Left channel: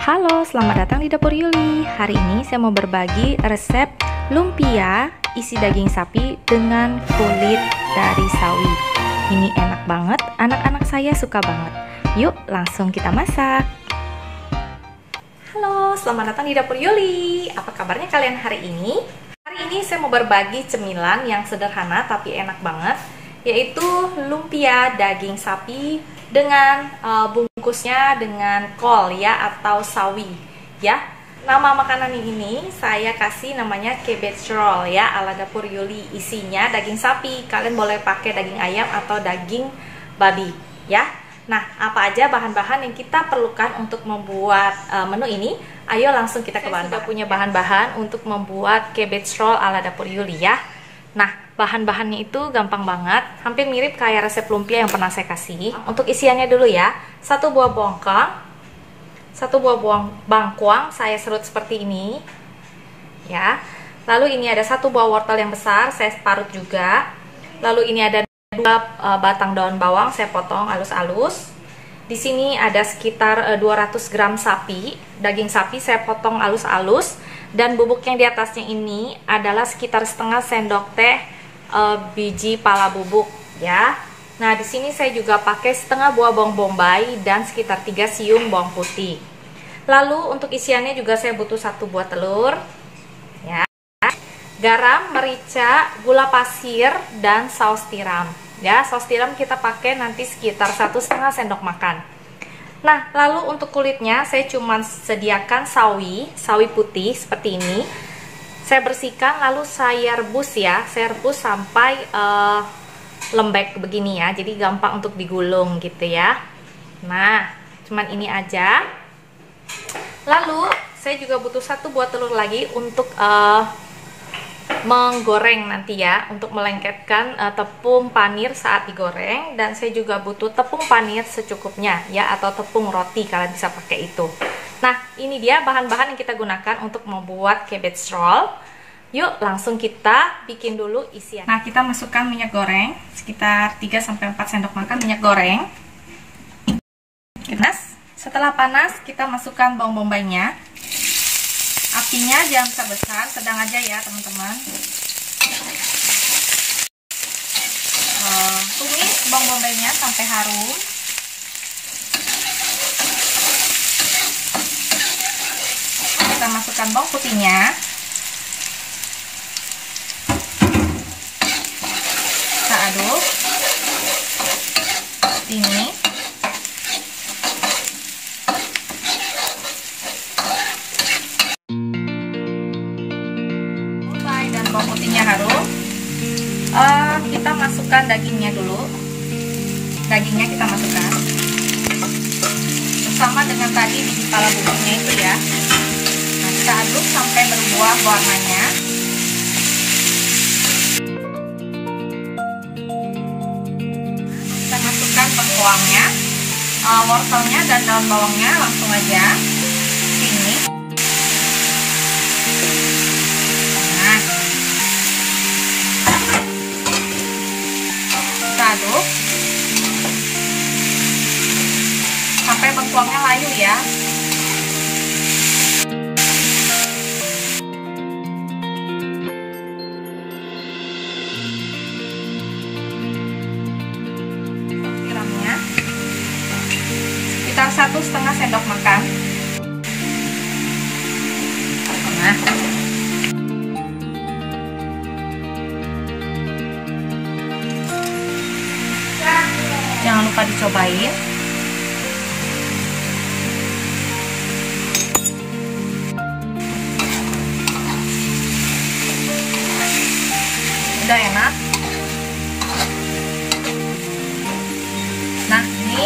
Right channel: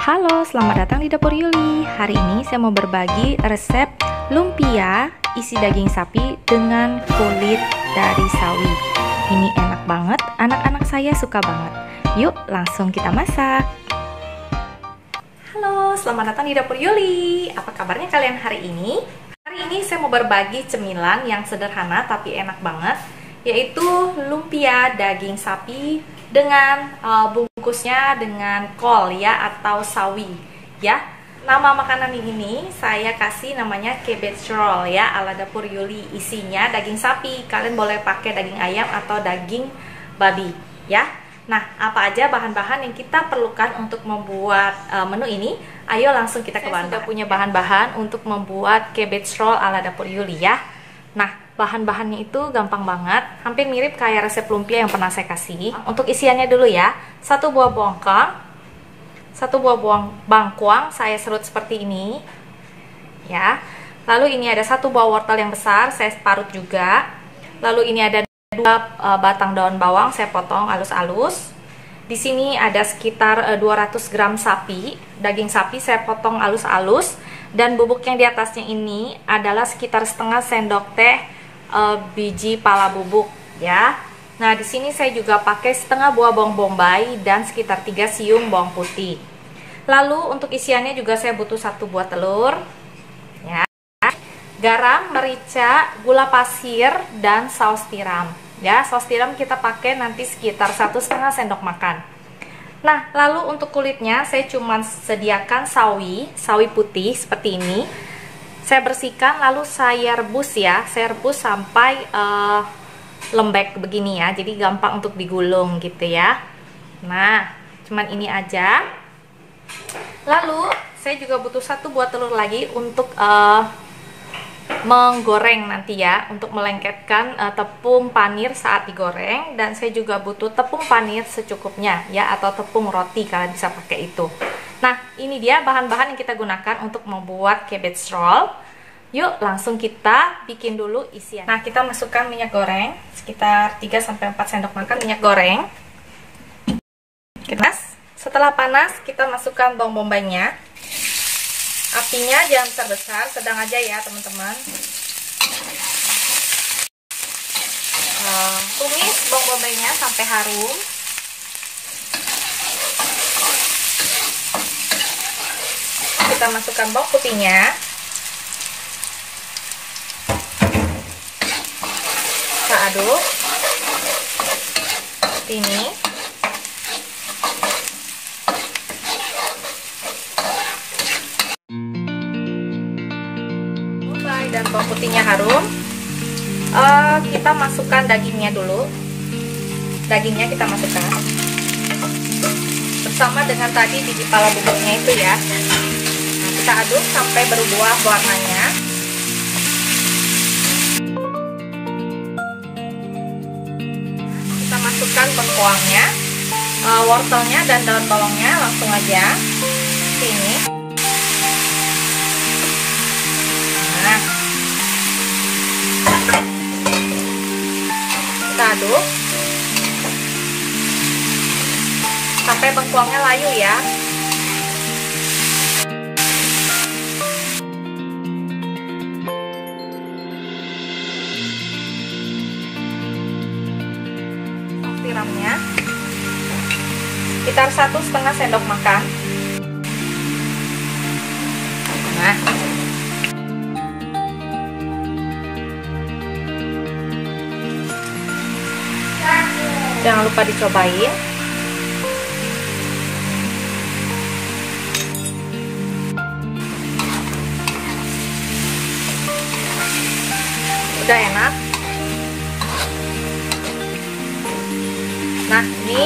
Halo, selamat datang di Dapur Yuli. Hari ini saya mau berbagi resep lumpia isi daging sapi dengan kulit dari sawi. Ini enak banget, anak-anak saya suka banget. Yuk, langsung kita masak. Halo, selamat datang di Dapur Yuli. Apa kabarnya kalian hari ini? Hari ini saya mau berbagi cemilan yang sederhana tapi enak banget, yaitu lumpia daging sapi dengan bungkusnya dengan kol ya, atau sawi ya. Nama makanan ini saya kasih namanya cabbage roll ya, ala Dapur Yuli. Isinya daging sapi, kalian boleh pakai daging ayam atau daging babi ya. Nah, apa aja bahan-bahan yang kita perlukan untuk membuat menu ini? Ayo langsung kita ke bahan-bahan. Saya sudah punya bahan-bahan untuk membuat cabbage roll ala Dapur Yuli ya. Nah, bahan-bahannya itu gampang banget, hampir mirip kayak resep lumpia yang pernah saya kasih. Untuk isiannya dulu ya, 1 buah bongkang, 1 buah bangkuang saya serut seperti ini ya. Lalu ini ada 1 buah wortel yang besar, saya parut juga. Lalu ini ada 2 batang daun bawang, saya potong halus-halus. Di sini ada sekitar 200 gram sapi, daging sapi saya potong halus-halus. Dan bubuk yang di atasnya ini adalah sekitar setengah sendok teh biji pala bubuk ya. Nah, di sini saya juga pakai setengah buah bawang bombay dan sekitar 3 siung bawang putih. Lalu untuk isiannya juga saya butuh 1 buah telur ya, garam, merica, gula pasir, dan saus tiram ya. Saus tiram kita pakai nanti sekitar 1,5 sendok makan. Nah, lalu untuk kulitnya saya cuma sediakan sawi putih seperti ini. Saya bersihkan lalu saya rebus ya. Saya rebus sampai lembek begini ya. Jadi gampang untuk digulung gitu ya. Nah, cuman ini aja. Lalu saya juga butuh 1 buah telur lagi untuk menggoreng nanti ya, untuk melengketkan tepung panir saat digoreng. Dan saya juga butuh tepung panir secukupnya ya, atau tepung roti, kalian bisa pakai itu. Nah, ini dia bahan-bahan yang kita gunakan untuk membuat cabbage roll. Yuk langsung kita bikin dulu isian. Nah, kita masukkan minyak goreng sekitar 3-4 sendok makan minyak goreng. Panas. Setelah panas kita masukkan bawang bombaynya. Apinya jangan besar-besar, sedang aja ya teman-teman. Tumis bawang bombaynya sampai harum. Kita masukkan bawang putihnya. Kita aduk seperti ini. Dan bawang putihnya harum, kita masukkan dagingnya dulu. Dagingnya kita masukkan bersama dengan tadi biji pala bubuknya itu ya. Kita aduk sampai berubah warnanya. Kita masukkan bengkoangnya, wortelnya, dan daun bawangnya langsung aja sini. Kita aduk sampai bengkoangnya layu ya. Tiramnya sekitar 1,5 sendok makan. Nah, jangan lupa dicobain. Udah enak. Nah, ini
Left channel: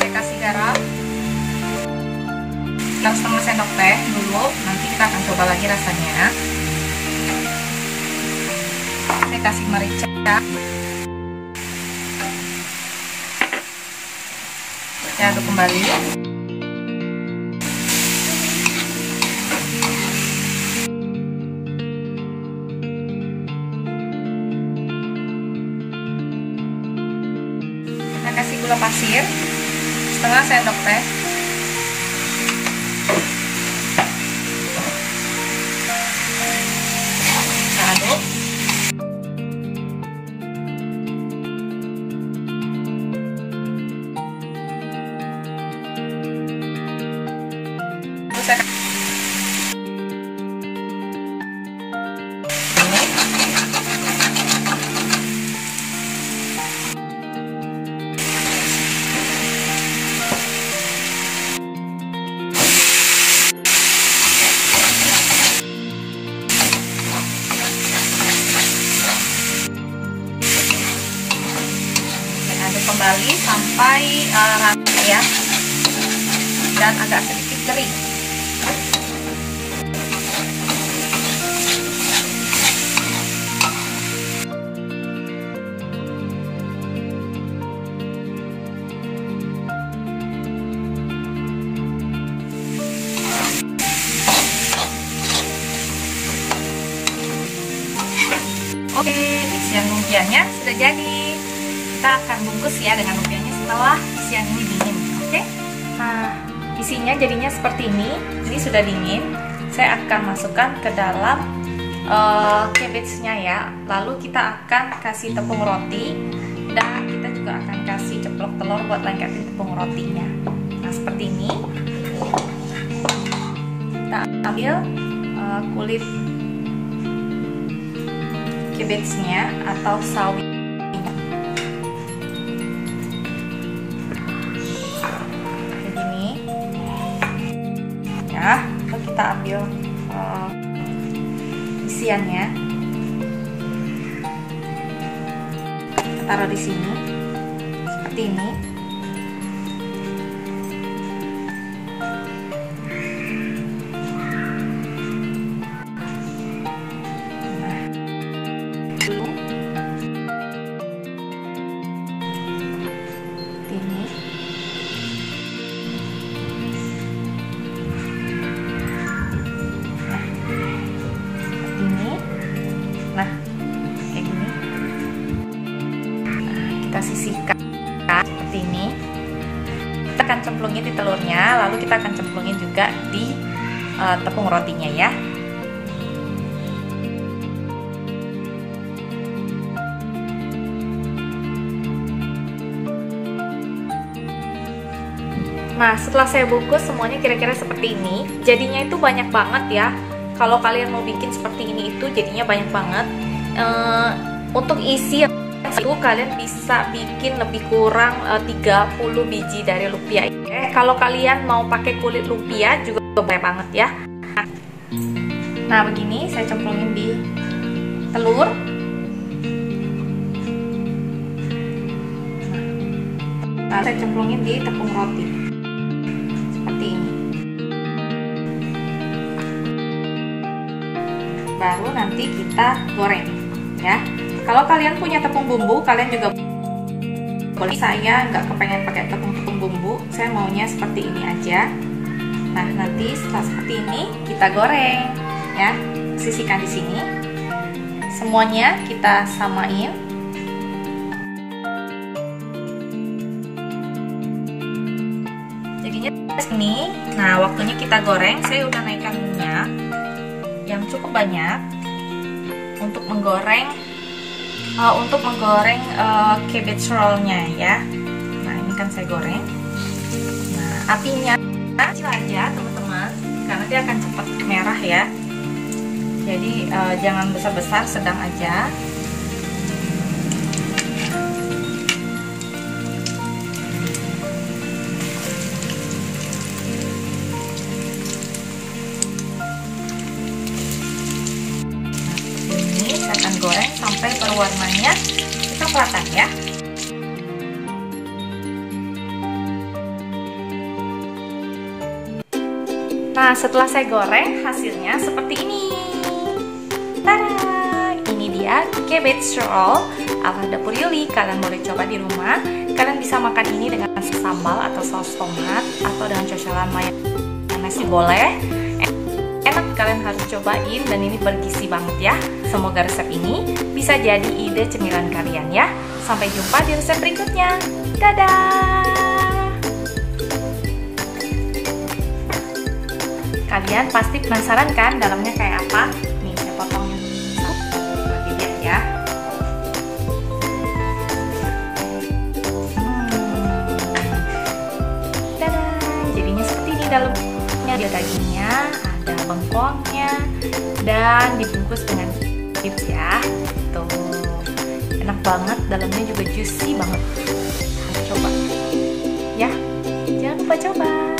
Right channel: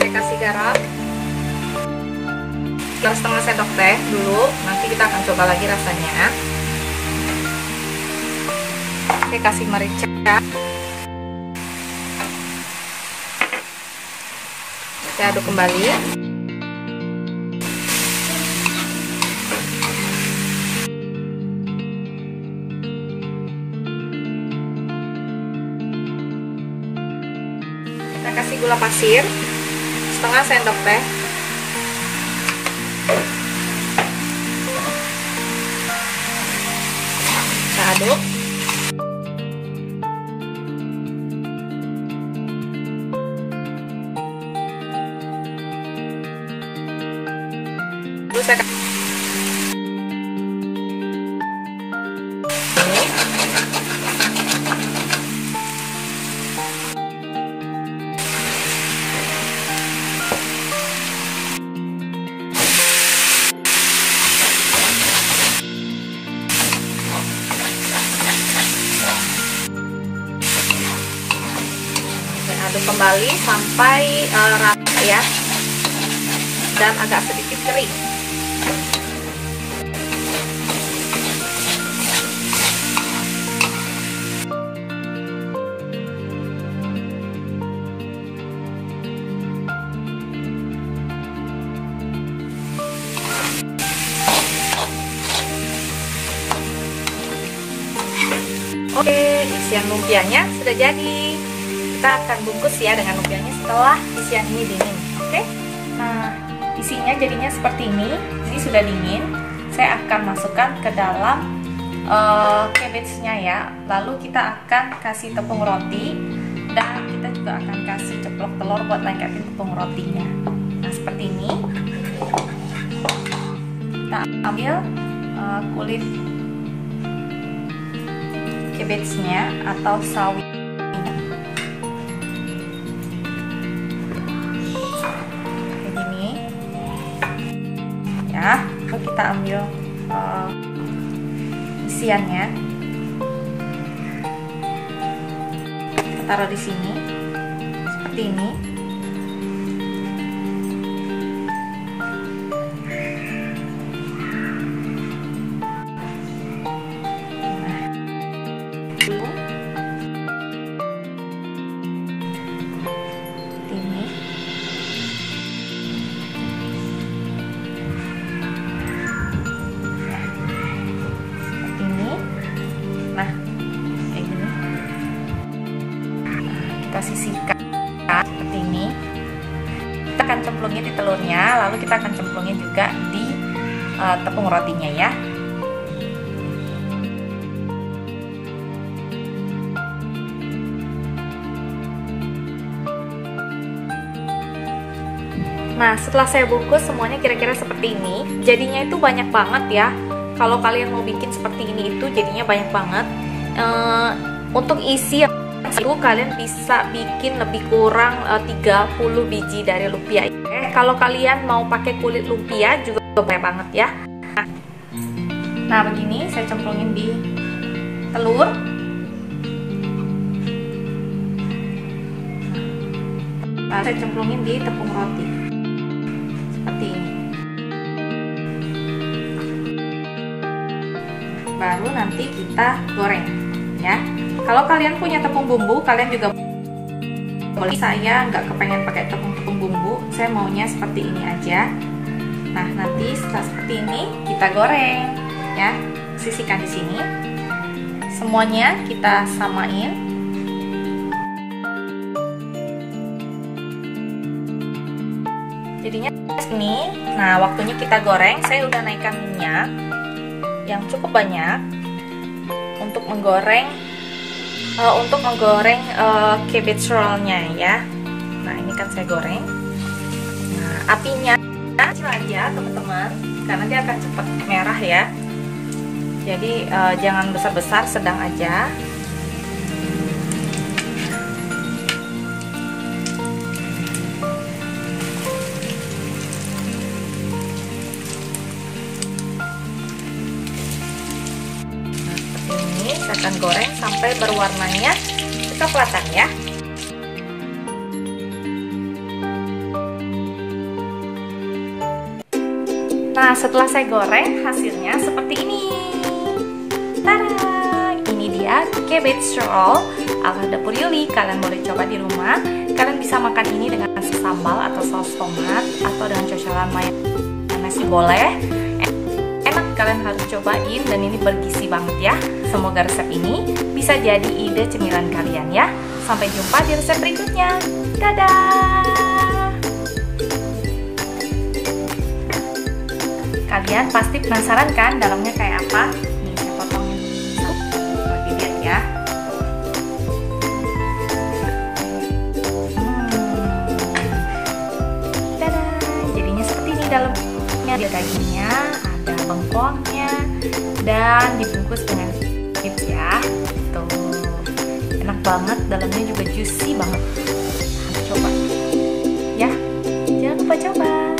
saya kasih garam sekitar setengah sendok teh dulu. Nanti kita akan coba lagi rasanya. Saya kasih merica. Saya aduk kembali. Saya kasih gula pasir setengah sendok teh. Aduk. Aduk kembali sampai rata ya, dan agak sedikit kering. Oke, isian lumpianya sudah jadi. Kita akan bungkus ya dengan lumpianya setelah isian ini dingin. Oke, nah isinya jadinya seperti ini. Ini sudah dingin. Saya akan masukkan ke dalam cabbage-nya ya. Lalu kita akan kasih tepung roti, dan kita juga akan kasih ceplok telur buat lengketin tepung rotinya. Nah seperti ini. Kita ambil kulit cabbage-nya atau sawi kayak gini ya. Lalu kita ambil isiannya, kita taruh di sini seperti ini. Ini nah, seperti ini. Nah kayak gini. Nah, kita sisihkan seperti ini. Kita akan cemplungin di telurnya, lalu kita akan cemplungin juga di tepung rotinya ya. Nah, setelah saya bungkus semuanya kira-kira seperti ini. Jadinya itu banyak banget ya. Kalau kalian mau bikin seperti ini itu jadinya banyak banget. Untuk isi itu kalian bisa bikin lebih kurang 30 biji dari lumpia. Kalau kalian mau pakai kulit lumpia juga banyak banget ya. Nah, begini saya cemplungin di telur. Nah, saya cemplungin di tepung roti. Seperti ini. Baru nanti kita goreng ya. Kalau kalian punya tepung bumbu, kalian juga boleh. Saya nggak kepengen pakai tepung bumbu, saya maunya seperti ini aja. Nah, nanti setelah seperti ini kita goreng ya. Sisihkan di sini. Semuanya kita samain. Jadinya ini. Nah, waktunya kita goreng. Saya udah naikkan minyak yang cukup banyak untuk menggoreng cabbage roll-nya ya. Nah, ini kan saya goreng. Nah, apinya kecil aja teman-teman, karena dia akan cepat merah ya. Jadi jangan besar-besar, sedang aja. Akan goreng sampai berwarnanya kecoklatan ya. Nah, setelah saya goreng hasilnya seperti ini. Tada! Ini dia cabbage roll ala Dapur Yuli. Kalian boleh coba di rumah. Kalian bisa makan ini dengan sambal atau saus tomat atau dengan cocolan mayones boleh. Enak, kalian harus cobain dan ini bergizi banget ya. Semoga resep ini bisa jadi ide cemilan kalian ya. Sampai jumpa di resep berikutnya. Dadah! Kalian pasti penasaran kan dalamnya kayak apa? Nih, saya potongnya buat dilihat ya. Tada, jadinya seperti ini dalamnya. Ada dagingnya, ada bengkoangnya, dan dibungkus dengan chips ya. Tuh, enak banget, dalamnya juga juicy banget. Coba ya, jangan lupa coba.